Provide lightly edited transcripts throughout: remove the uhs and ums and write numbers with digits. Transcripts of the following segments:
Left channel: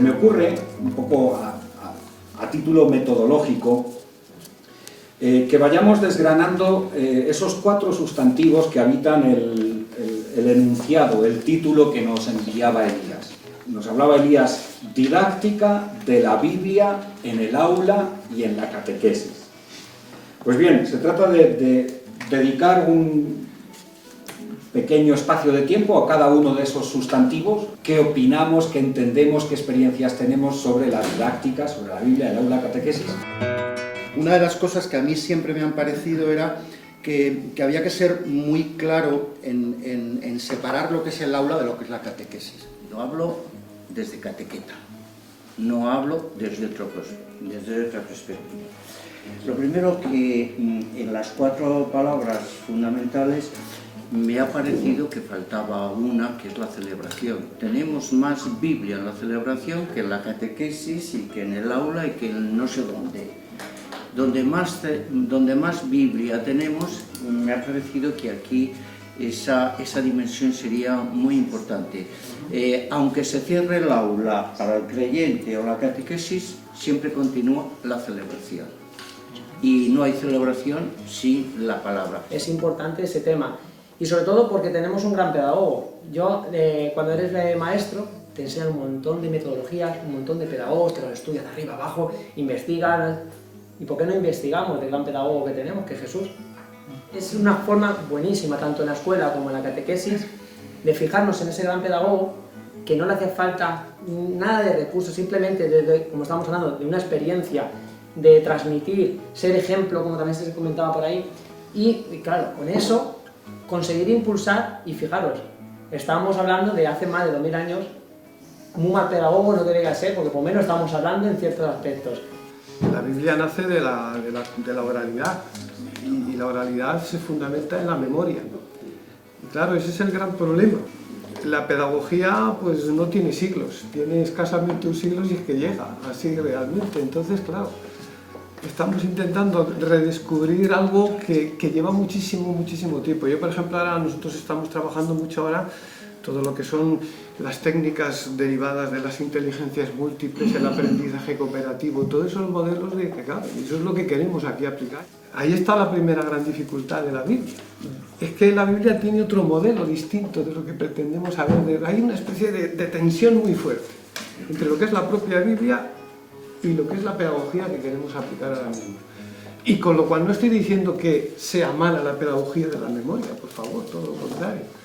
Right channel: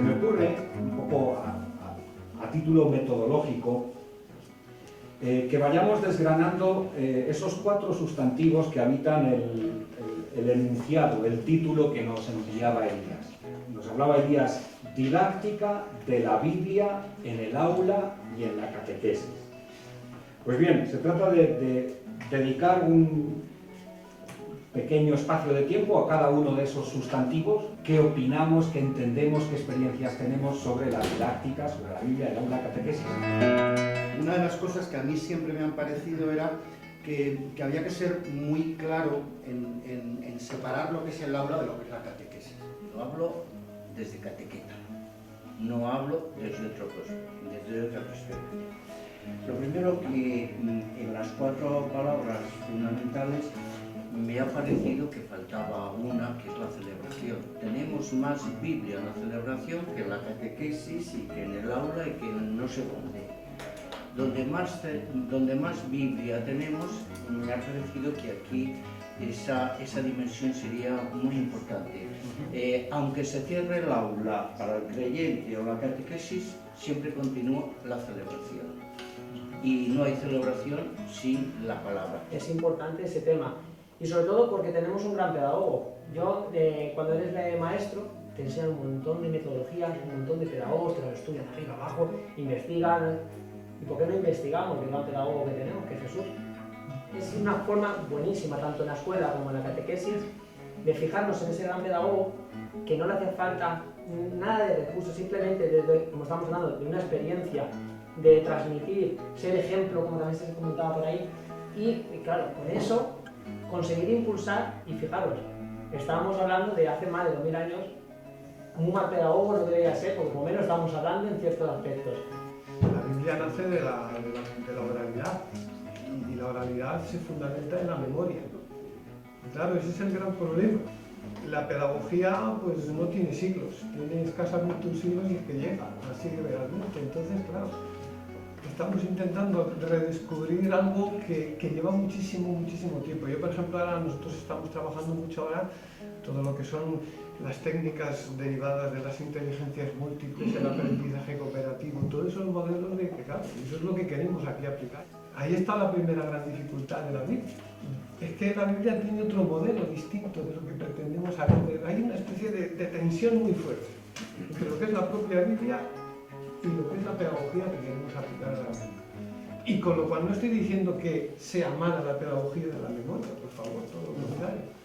se me ocurre, un poco a título metodológico, que vayamos desgranando esos 4 sustantivos que habitan el enunciado, el título que nos enviaba Elías. Nos hablaba Elías didáctica de la Biblia en el aula y en la catequesis. Pues bien, se trata de dedicar un pequeño espacio de tiempo a cada uno de esos sustantivos. ¿Qué opinamos, qué entendemos, qué experiencias tenemos sobre la didáctica, sobre la Biblia, el aula, la catequesis? Una de las cosas que a mí siempre me han parecido era que había que ser muy claro en separar lo que es el aula de lo que es la catequesis. Lo hablo desde catequeta, no hablo desde otra perspectiva. Lo primero que en las 4 palabras fundamentales me ha parecido que faltaba una, que es la celebración. Tenemos más Biblia en la celebración que en la catequesis y que en el aula y que en no sé dónde. Donde más Biblia tenemos, me ha parecido que aquí esa dimensión sería muy importante. Aunque se cierre el aula para el creyente o la catequesis, siempre continúa la celebración. Y no hay celebración sin la palabra. Es importante ese tema, y sobre todo porque tenemos un gran pedagogo. Yo, cuando eres maestro, te enseñan un montón de metodologías, un montón de pedagogos, te los estudian de arriba abajo, investigan. ¿Y por qué no investigamos del gran pedagogo que tenemos, que es Jesús? Es una forma buenísima, tanto en la escuela como en la catequesis, de fijarnos en ese gran pedagogo, que no le hace falta nada de recursos, simplemente, como estamos hablando, de una experiencia, de transmitir, ser ejemplo, como también se comentaba por ahí, y claro, con eso conseguir impulsar. Y fijaros, estábamos hablando de hace más de 2000 años, muy mal pedagogo no debería ser, porque por lo menos estamos hablando en ciertos aspectos. La Biblia nace de la oralidad, y la oralidad se fundamenta en la memoria. Y claro, ese es el gran problema. La pedagogía pues no tiene siglos, tiene escasamente un siglo si es que llega así realmente. Entonces, claro, estamos intentando redescubrir algo que lleva muchísimo tiempo. Yo, por ejemplo, ahora nosotros estamos trabajando mucho ahora todo lo que son las técnicas derivadas de las inteligencias múltiples, el aprendizaje cooperativo, todos esos modelos de que, claro, eso es lo que queremos aquí aplicar. Ahí está la primera gran dificultad de la Biblia. Es que la Biblia tiene otro modelo distinto de lo que pretendemos saber. Hay una especie de tensión muy fuerte entre lo que es la propia Biblia y lo que es la pedagogía que queremos aplicar ahora mismo. Y con lo cual no estoy diciendo que sea mala la pedagogía de la memoria, por favor, todo lo contrario.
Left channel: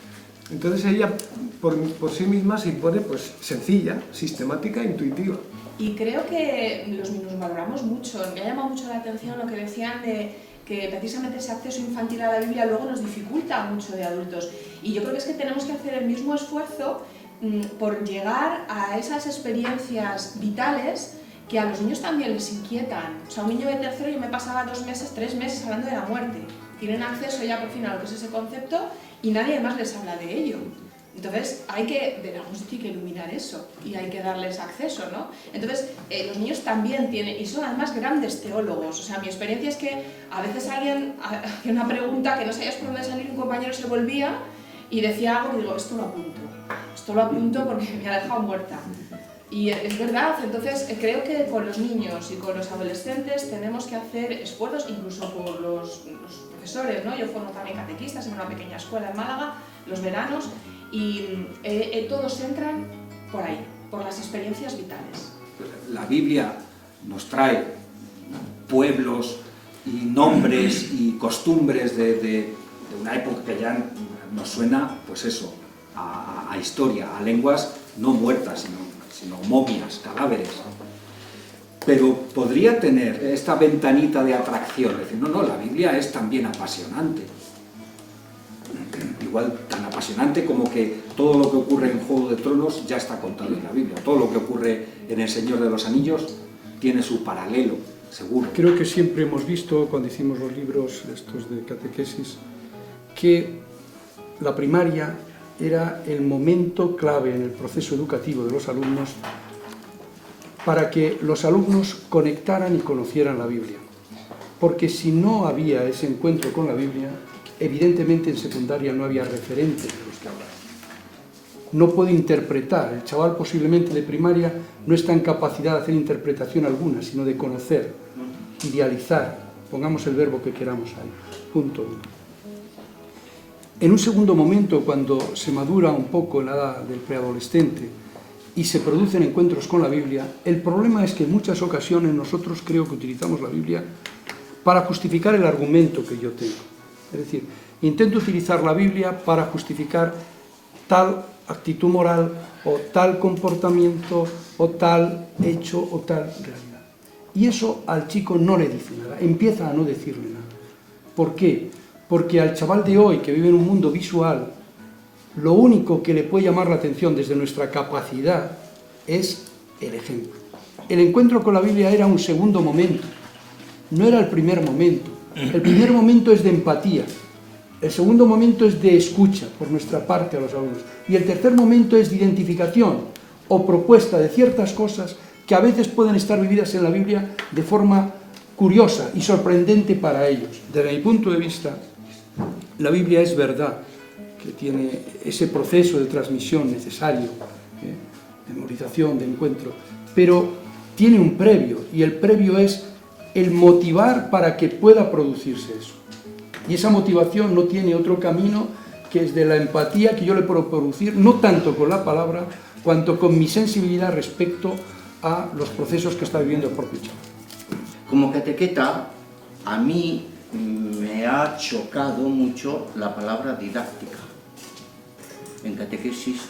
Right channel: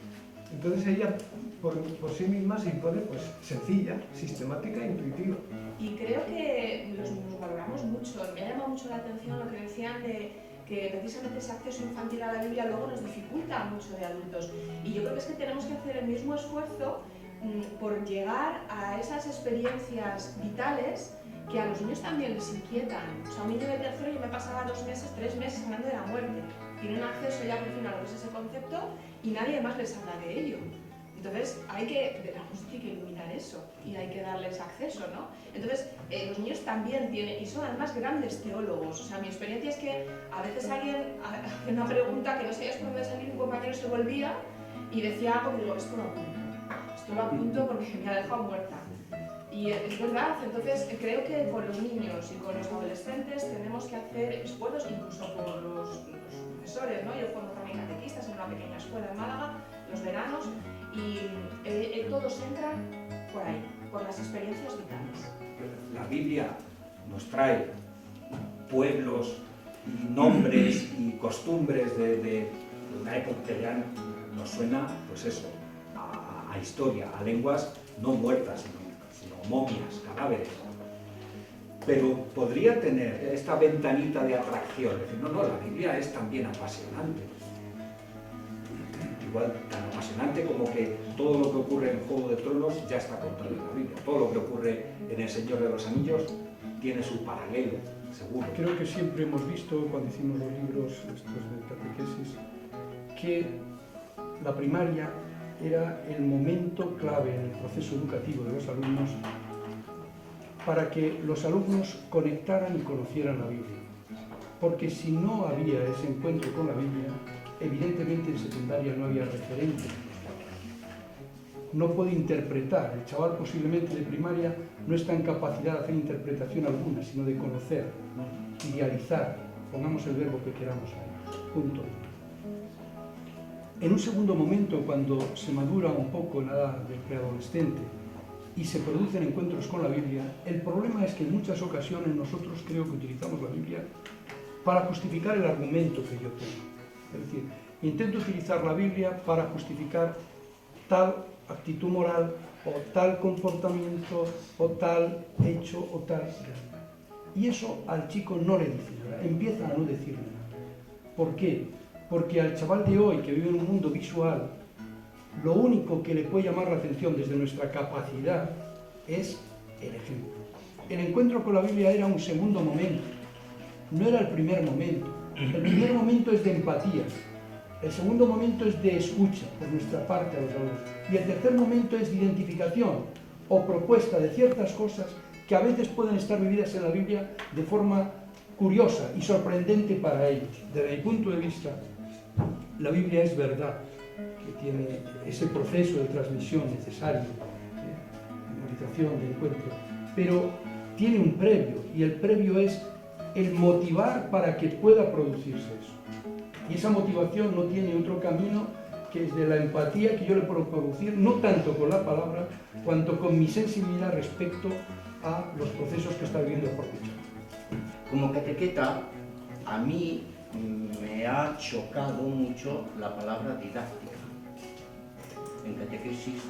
Entonces ella por sí misma se impone pues sencilla, sistemática e intuitiva. Y creo que nos valoramos mucho. Me ha llamado mucho la atención lo que decían de que precisamente ese acceso infantil a la Biblia luego nos dificulta mucho de adultos. Y yo creo que es que tenemos que hacer el mismo esfuerzo por llegar a esas experiencias vitales que a los niños también les inquietan. O sea, un niño de tercero, yo me pasaba 2 meses, 3 meses hablando de la muerte. Tienen acceso ya por fin a lo que es ese concepto y nadie más les habla de ello. Entonces hay que, de algún sitio, hay que iluminar eso y hay que darles acceso, ¿no? Entonces los niños también tienen, y son además grandes teólogos. O sea, mi experiencia es que a veces alguien hacía una pregunta que no sabías por dónde salir, un compañero se volvía y decía algo y digo, esto lo apunto porque me ha dejado muerta. Y es verdad, entonces creo que con los niños y con los adolescentes tenemos que hacer esfuerzos, incluso por los profesores, ¿no? Yo formo también catequistas en una pequeña escuela en Málaga, los veranos, y todos entran por ahí, por las experiencias vitales. La Biblia nos trae pueblos y nombres y costumbres de una época que ya nos suena, pues eso, a historia, a lenguas no muertas, sino momias, cadáveres. Pero podría tener esta ventanita de atracción, es decir, no, la Biblia es también apasionante. Igual tan apasionante como que todo lo que ocurre en Juego de Tronos ya está contado en la Biblia. Todo lo que ocurre en El Señor de los Anillos tiene su paralelo, seguro. Creo que siempre hemos visto, cuando hicimos los libros estos de catequesis, que la primaria era el momento clave en el proceso educativo de los alumnos para que los alumnos conectaran y conocieran la Biblia. Porque si no había ese encuentro con la Biblia, evidentemente en secundaria no había referentes de los que hablar. no puede interpretar. El chaval posiblemente de primaria no está en capacidad de hacer interpretación alguna, sino de conocer, idealizar, pongamos el verbo que queramos ahí, punto. En un segundo momento, cuando se madura un poco la edad del preadolescente y se producen encuentros con la Biblia, el problema es que en muchas ocasiones nosotros creo que utilizamos la Biblia para justificar el argumento que yo tengo. Es decir, intento utilizar la Biblia para justificar tal actitud moral o tal comportamiento o tal hecho o tal realidad. Y eso al chico no le dice nada, empieza a no decirle nada. ¿Por qué? Porque al chaval de hoy que vive en un mundo visual, lo único que le puede llamar la atención desde nuestra capacidad es el ejemplo. El encuentro con la Biblia era un segundo momento, no era el primer momento. El primer momento es de empatía, el segundo momento es de escucha por nuestra parte a los alumnos y el tercer momento es de identificación o propuesta de ciertas cosas que a veces pueden estar vividas en la Biblia de forma curiosa y sorprendente para ellos. Desde mi punto de vista, la Biblia es verdad, que tiene ese proceso de transmisión necesario, memorización, de encuentro, pero tiene un previo, y el previo es el motivar para que pueda producirse eso. Y esa motivación no tiene otro camino que es de la empatía que yo le puedo producir, no tanto con la palabra, cuanto con mi sensibilidad respecto a los procesos que está viviendo el propio chaval. Como catequeta, a mí me ha chocado mucho la palabra didáctica. En catequesis,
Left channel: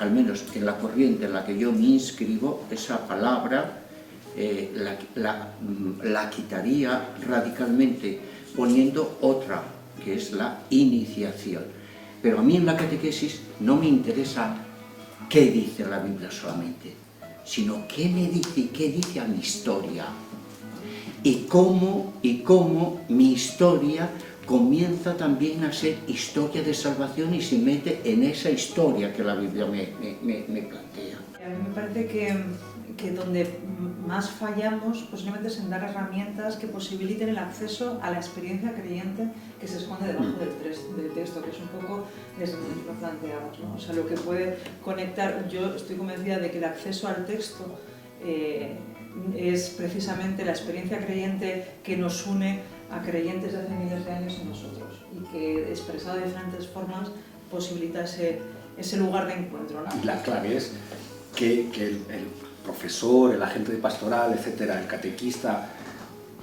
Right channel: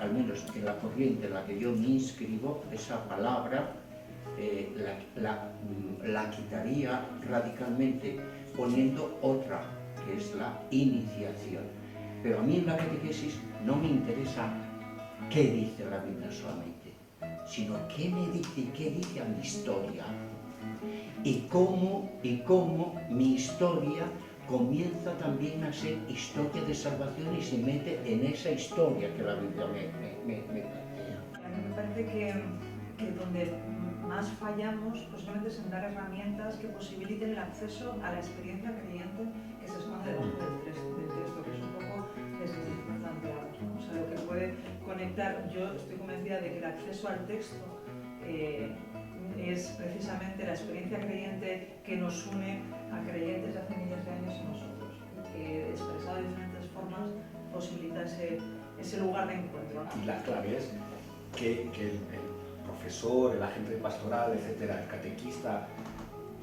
al menos en la corriente en la que yo me inscribo, esa palabra la quitaría radicalmente poniendo otra, que es la iniciación. Pero a mí en la catequesis no me interesa qué dice la Biblia solamente, sino qué me dice y qué dice a mi historia. Y cómo mi historia comienza también a ser historia de salvación y se mete en esa historia que la Biblia me plantea. A mí me parece que donde más fallamos posiblemente es en dar herramientas que posibiliten el acceso a la experiencia creyente que se esconde debajo del texto, que es un poco desde lo que planteamos, ¿no? O sea, lo que puede conectar, yo estoy convencida de que el acceso al texto es precisamente la experiencia creyente que nos une a creyentes de hace miles de años en nosotros y que expresada de diferentes formas posibilita ese lugar de encuentro, ¿no? Y la clave es que el profesor, el agente de pastoral, etcétera, el catequista,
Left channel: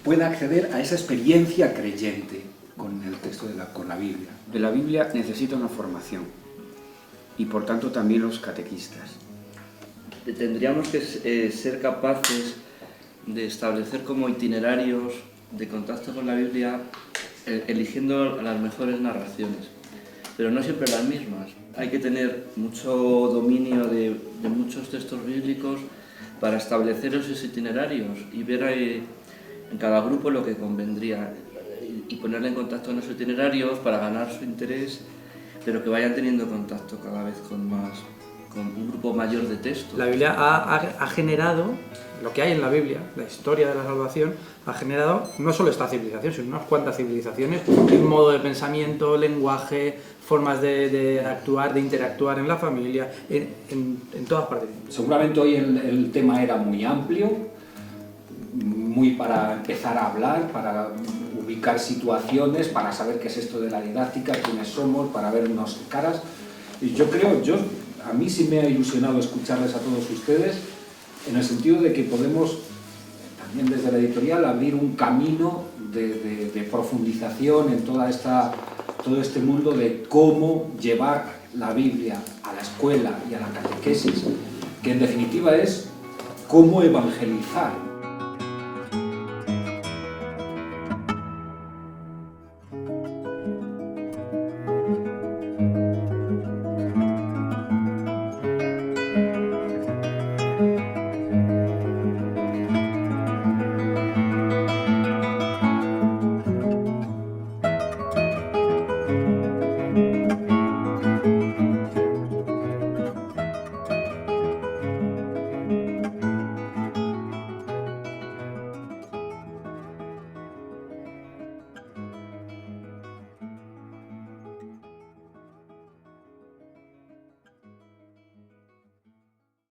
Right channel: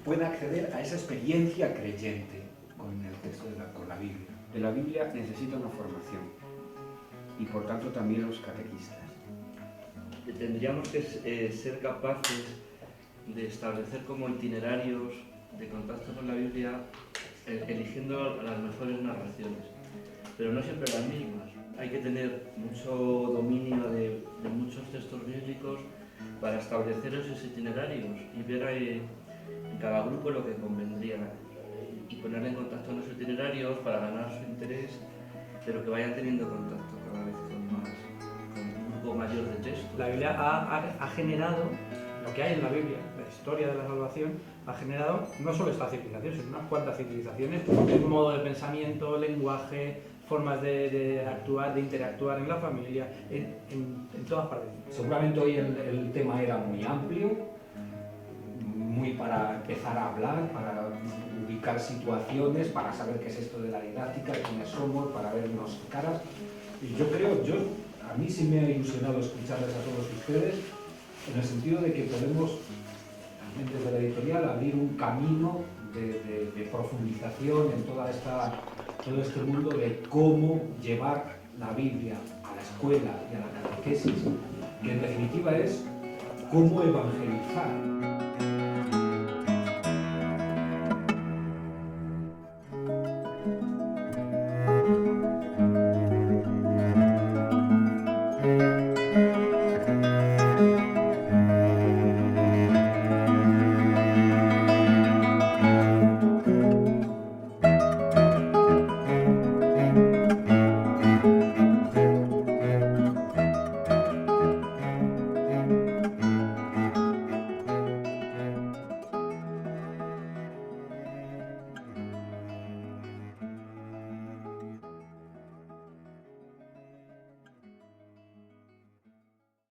pueda acceder a esa experiencia creyente con el texto con la Biblia. La Biblia necesita una formación y por tanto también los catequistas. Tendríamos que ser capaces de establecer como itinerarios de contacto con la Biblia eligiendo las mejores narraciones, pero no siempre las mismas. Hay que tener mucho dominio de muchos textos bíblicos para establecer esos itinerarios y ver en cada grupo lo que convendría y ponerle en contacto en esos itinerarios para ganar su interés, pero que vayan teniendo contacto cada vez con un grupo mayor de textos. La Biblia ha generado lo que hay en la Biblia, la historia de la salvación, ha generado no solo esta civilización, sino unas cuantas civilizaciones, un modo de pensamiento, lenguaje, formas de actuar, de interactuar en la familia, en todas partes. Seguramente hoy el tema era muy amplio, muy para empezar a hablar, para ubicar situaciones, para saber qué es esto de la didáctica, quiénes somos, para vernos caras. Y yo creo, a mí sí me ha ilusionado escucharles a todos ustedes, en el sentido de que podemos, también desde la editorial, abrir un camino de profundización en todo este mundo de cómo llevar la Biblia a la escuela y a la catequesis, que en definitiva es cómo evangelizar.